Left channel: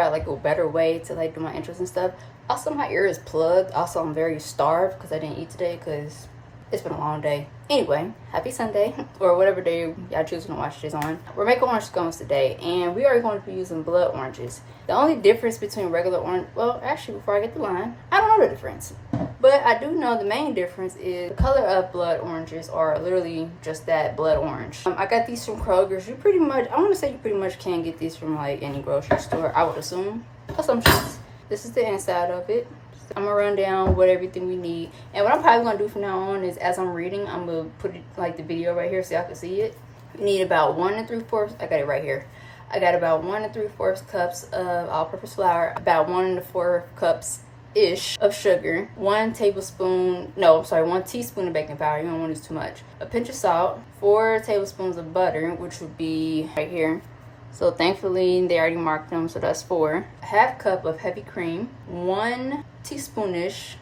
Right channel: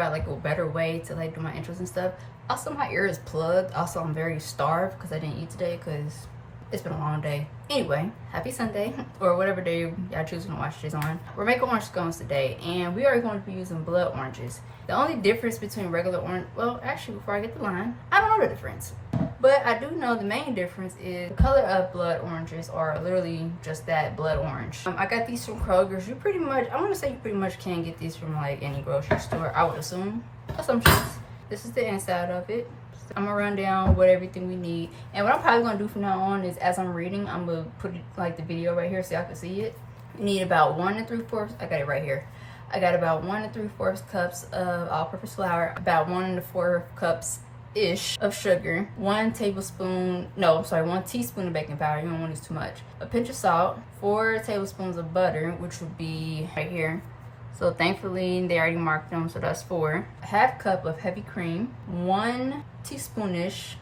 out like a better way to like do my intros and stuff. Also, my ear is plugged. Also, I'm very starved because I didn't eat today because it's been a long day. Anyway, happy Sunday, or whatever day y'all choosing to watch this on. We're making orange scones today, and we are going to be using blood oranges. The only difference between regular orange, well, actually, before I get the line, I don't know the difference. But I do know the main difference is the color of blood oranges are literally just that, blood orange. I got these from Kroger's. You pretty much, I want to say you pretty much can get these from like any grocery store, I would assume. Assumptions. This is the inside of it. I'm gonna run down what everything we need, and what I'm probably gonna do from now on is as I'm reading, I'm gonna put it, like the video right here so y'all can see it. You need about 1 3/4, I got it right here. I got about 1 3/4 cups of all-purpose flour, about 1 4 cups ish of sugar, 1 tablespoon, no, I'm sorry, 1 teaspoon of baking powder. You don't want to use too much. A pinch of salt, 4 tablespoons of butter, which would be right here. So thankfully they already marked them, so that's 4. A half cup of heavy cream, 1 teaspoonish,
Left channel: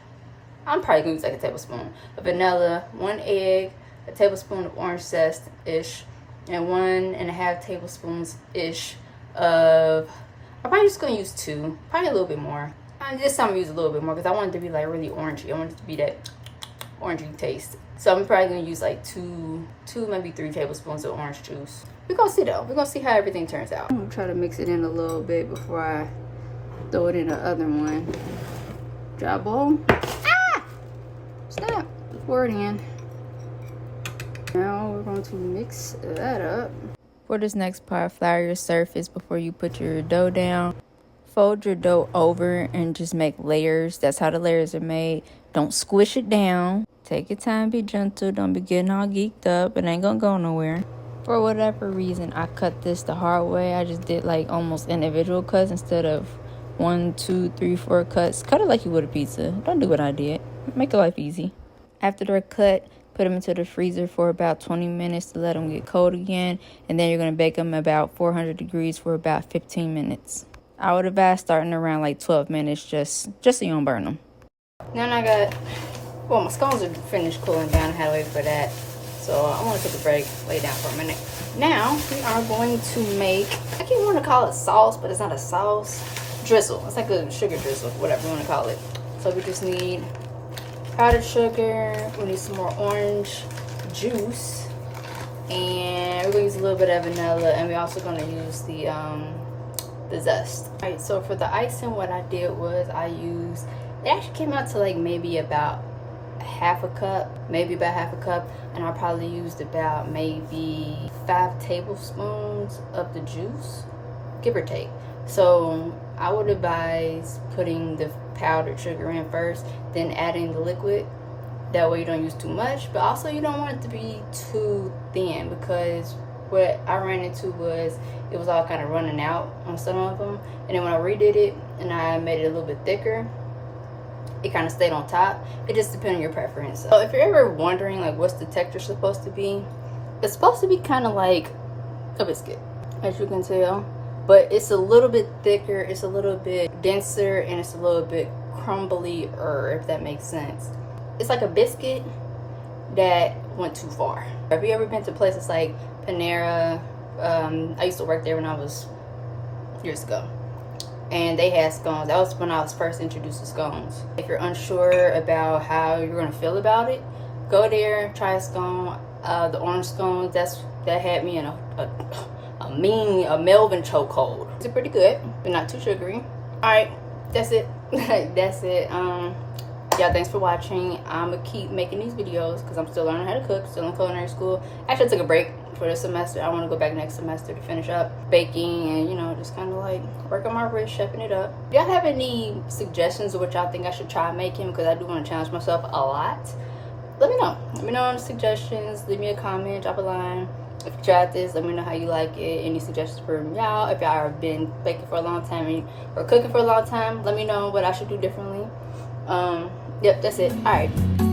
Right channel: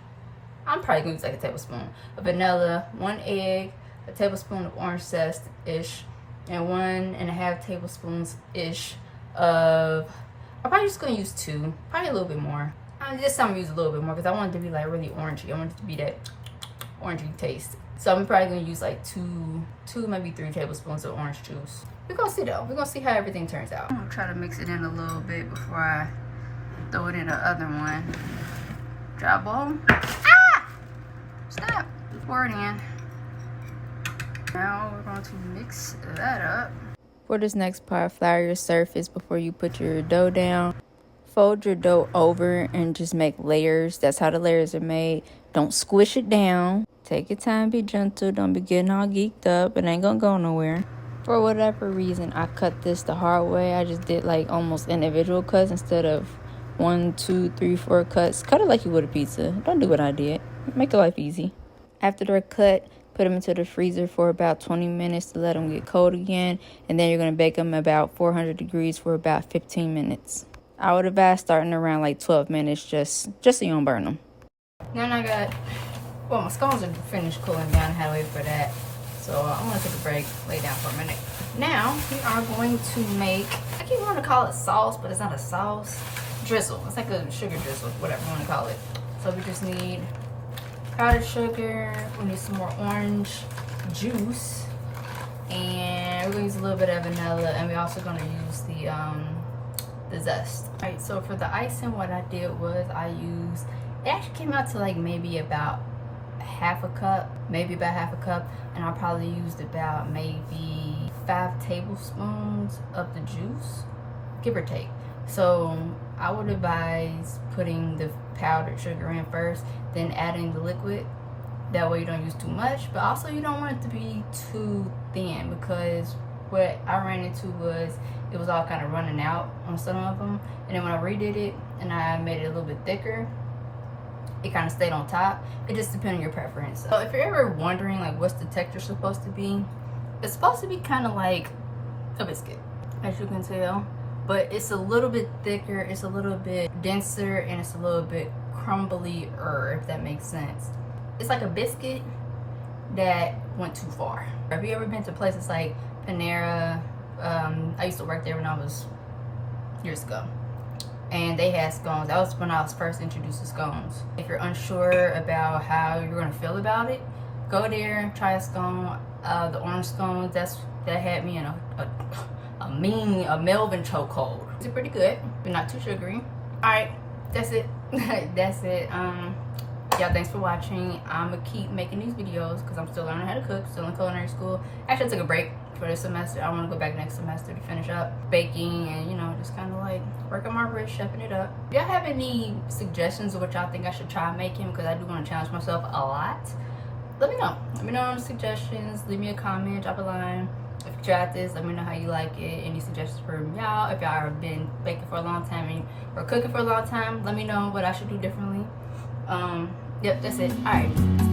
I'm probably gonna use like a tablespoon of vanilla, 1 egg, a tablespoon of orange zest ish, and 1.5 tablespoons ish of, I'm probably just gonna use 2, probably a little bit more. This time I'm gonna use a little bit more because I want it to be like really orangey. I want it to be that orangey taste. So I'm probably gonna use like 2 maybe 3 tablespoons of orange juice. We're gonna see though. We're gonna see how everything turns out. I'm gonna try to mix it in a little bit before I throw it in the other one. Dry bowl. Ah! Stop. Pour it in. Now we're going to mix that up. For this next part, flour your surface before you put your dough down. Fold your dough over and just make layers. That's how the layers are made. Don't squish it down. Take your time, be gentle. Don't be getting all geeked up. It ain't gonna go nowhere. For whatever reason, I cut this the hard way. I just did like almost individual cuts instead of 1, 2, 3, 4 cuts. Cut it like you would a pizza. Don't do what I did. Make your life easy. After they're cut, put them into the freezer for about 20 minutes to let them get cold again. And then you're going to bake them about 400 degrees for about 15 minutes. I would advise starting around like 12 minutes just so you don't burn them. Now I got, well, my scones are finished cooling down. I had to wait for that. So I'm going to take a break, lay down for a minute. Now we are going to make, I keep wanting to call it sauce, but it's not a sauce. Drizzle. It's like a sugar drizzle, whatever you want to call it. So we just need powdered sugar. We need some more orange juice, and we're gonna use a little bit of vanilla, and we're also gonna use the zest. All right. So for the icing, what I did was I used. It actually came out to like maybe about half a cup, and I probably used about maybe 5 tablespoons of the juice, give or take. So I would advise putting the powdered sugar in first, then adding the liquid. That way you don't use too much, but also you don't want it to be too thin, because what I ran into was it was all kind of running out on some of them, and then when I redid it and I made it a little bit thicker, it kind of stayed on top. It just depends on your preference. So if you're ever wondering like what's the texture supposed to be, it's supposed to be kind of like a biscuit, as you can tell. But it's a little bit thicker, it's a little bit denser, and it's a little bit crumbly-er, if that makes sense. It's like a biscuit that went too far. Have you ever been to places like Panera? I used to work there when I was years ago. And they had scones. That was when I was first introduced to scones. If you're unsure about how you're gonna feel about it, go there, try a scone. The orange scones, that had me in a Melvin chokehold. It's pretty good, but not too sugary. All right, that's it. That's it. Yeah, thanks for watching. I'm gonna keep making these videos because I'm still learning how to cook, still in culinary school. Actually, I took a break for this semester. I want to go back next semester to finish up baking and, you know, just kind of like work on my wrist, chefing it up. If y'all have any suggestions of what y'all think I should try making, because I do want to challenge myself a lot, let me know. Let me know in the suggestions. Leave me a comment, drop a line. If you tried this, let me know how you like it. Any suggestions from y'all? If y'all have been baking for a long time or cooking for a long time, let me know what I should do differently. Yep, that's it. All right.